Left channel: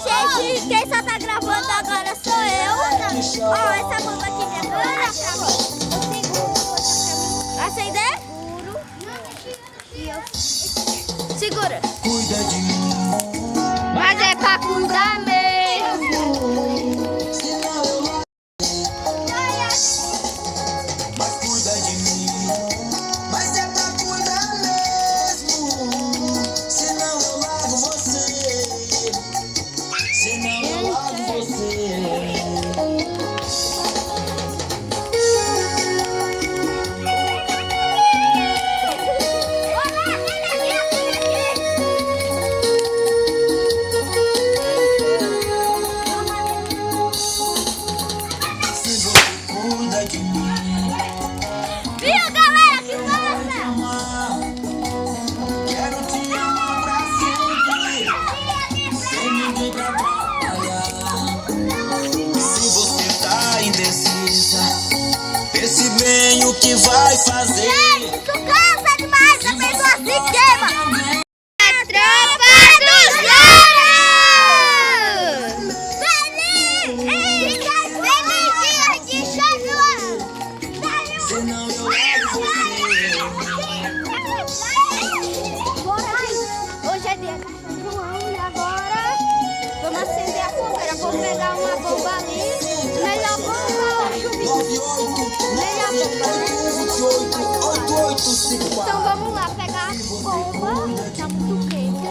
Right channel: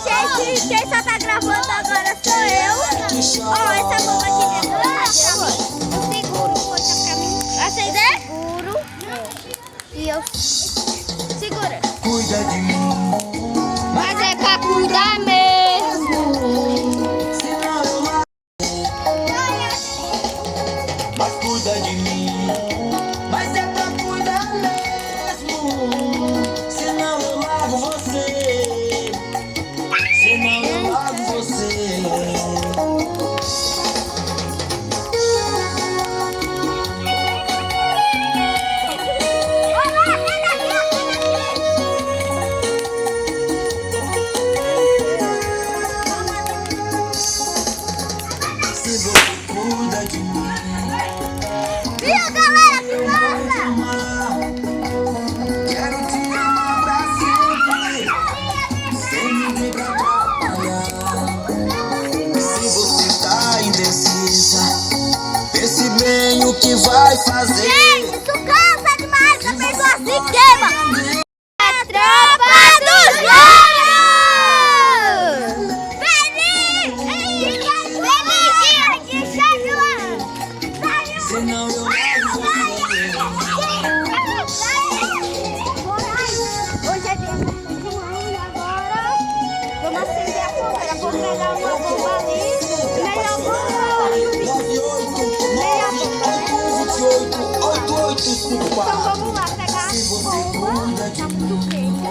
gente, quem só tá gravando agora sou eu. Ó, essa bomba aqui dentro tá gravando. Eu seguro, poxa, pra mim. Acender? Seguro. E eu segurei. Cuida de mim. Mas é pra cuidar mesmo. Senão eu largo. Mas cuida de mim. Mas é pra cuidar mesmo. Senão eu largo você. Senão eu largo você. Cuida de mim. Viu, galera? Que massa! Quero te amar pra sempre, sem ninguém pra atrapalhar. Se você tá indecisa, pense bem o que vai fazer. Gente, isso cansa demais, a pessoa se queima. A tropa dos louros! Senão eu largo você. Hoje é dia de João e agora vamos acender a fogueira. Vou pegar uma bomba ali. Melhor bomba. Melhor bomba, né? Então vamos lá pegar a bomba. Tá muito quente.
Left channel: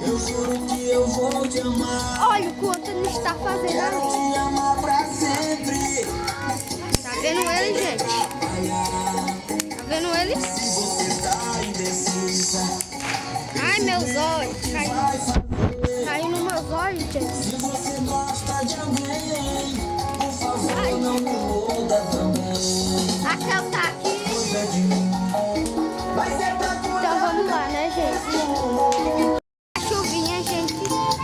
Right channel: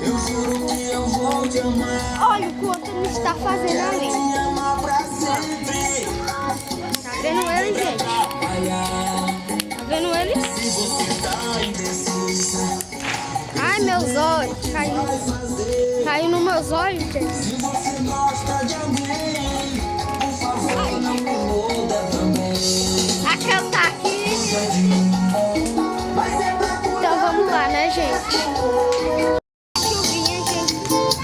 Eu juro que eu vou te amar. Olha o quanto ele está fazendo ali. Te amar pra sempre. Tá vendo ele, gente? Tá vendo ele? Se você tá indecisa, Ai, meus olhos. Caiu nos meus olhos, gente. se você gosta de alguém, por favor não me muda também. Aquela tá aqui. Cuida de mim. Mas é pra cuidar. Então vamos lá, né, gente? A chuvinha, gente,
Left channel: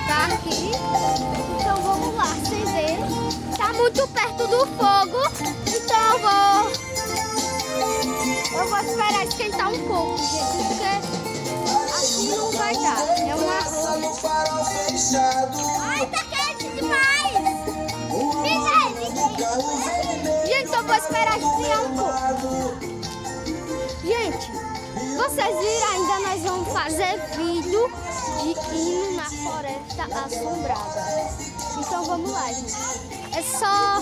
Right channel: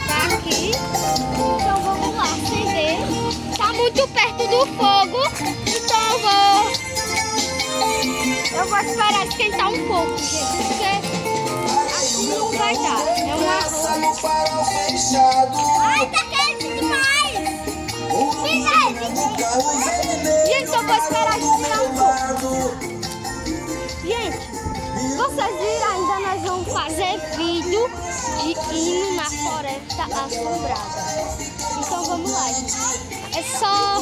tá aqui. Então vamos lá acender. Tá muito perto do fogo. Então eu vou esperar esquentar um pouco, gente. Porque assim não vai dar. É um arroz. No farol fechado. Ai, tá quente demais. No carro vermelho. Gente, eu vou esperar esquentar um pouco. Lado. Gente, vocês viram ainda, nós vamos fazer vídeo de hino na floresta assombrada. Então vamos lá, gente. É só...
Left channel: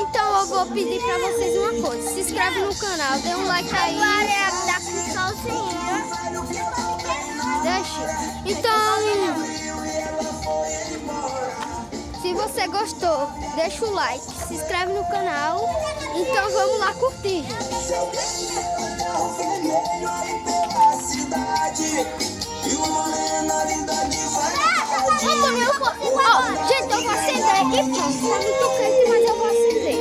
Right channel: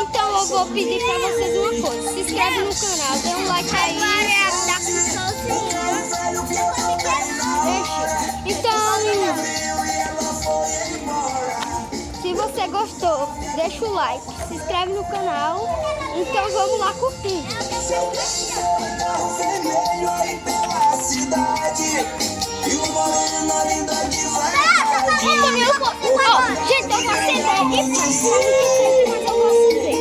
Então eu vou pedir pra vocês uma coisa. Se inscreve no canal, dê um like aí. Então, menino, se você gostou, deixa o like, se inscreve no canal. Então vamos lá curtir. Carro vermelho aí pela cidade. E uma menina linda de verdade. Ó, gente, eu vou acender e pronto. Tá muito quente, mas eu vou acender.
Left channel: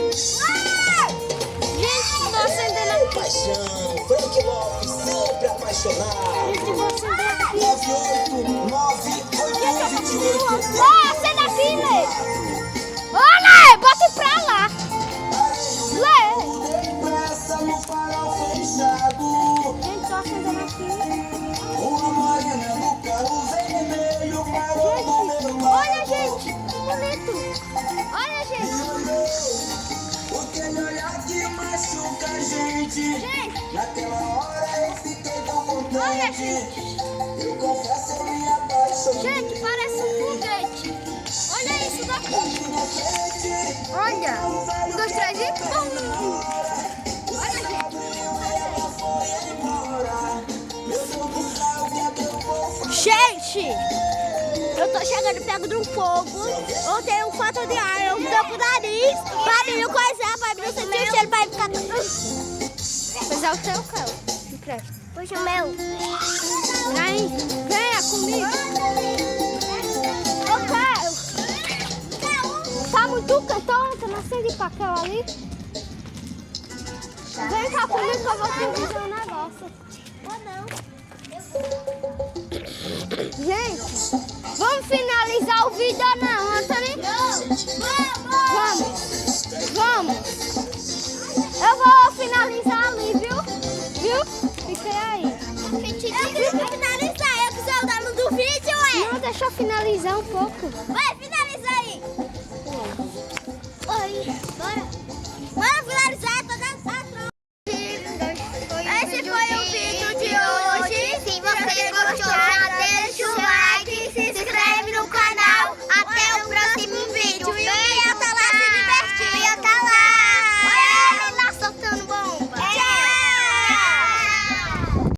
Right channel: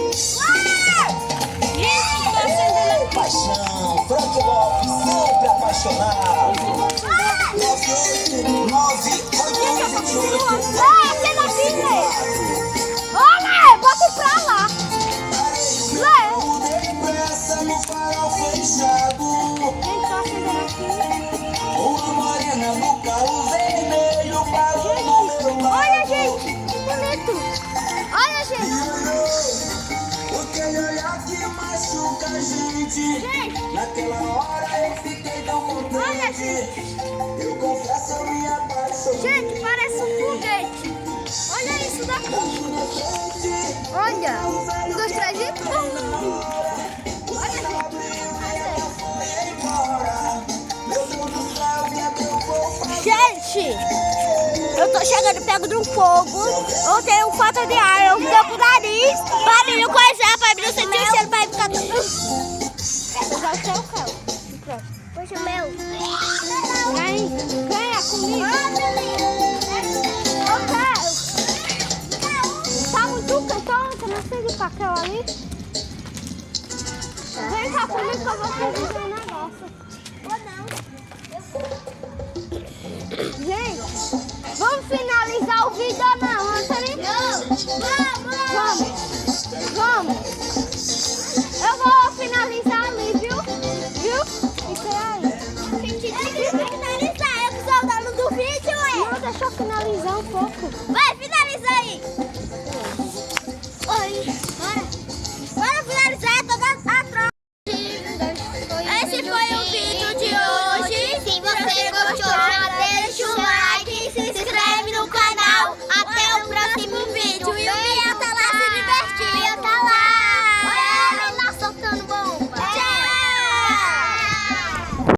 Gente, tô acendendo aqui. Paixão, Frank Lopes, sempre apaixonado. Eu vou acender aqui. 9898128. Ó, acenda aqui, Lê. Ó, Lê, bota pra lá. Lê. Depressa no farol fechado. Gente, tô acendendo aqui. Uma morena no carro vermelho parou no meu lado. Olha, gente, que bonito. Olha, gente. Aquele olhar que machuca a gente. Gente. Naquela hora eu fiquei tão contente. Olha, gente. Eu confesso, eu me apaixonei. Gente, parece um foguete. Olha isso daqui. Olha. 1, 2, 3 e pum. Olha, gente. Meu Deus do céu, o que é que eu vou fazer? Gente, eu tô chegando perto do fogo. Eu tenho falta de ar. Eu tô com o nariz pra mim não coisar, pra mim não sentir o cheiro, pra mim ficar... Usar o seu carro. Puxa o meu. Vem, venha comigo. Eu quero. Tá muito quente, não sei de papel ali. Vem cá comigo que eu vou fazer um negócio. Gente, vamos finalizar o vídeo ou não, Anthony? Vamos. Eu vou finalizar ali, viu? Viu? Isso aí. Eu vou finalizar, eu que sou o dono do vídeo, ué. Não, deixa deixa eu finalizar um pouco. Vai, finaliza aí. Oi. Bora.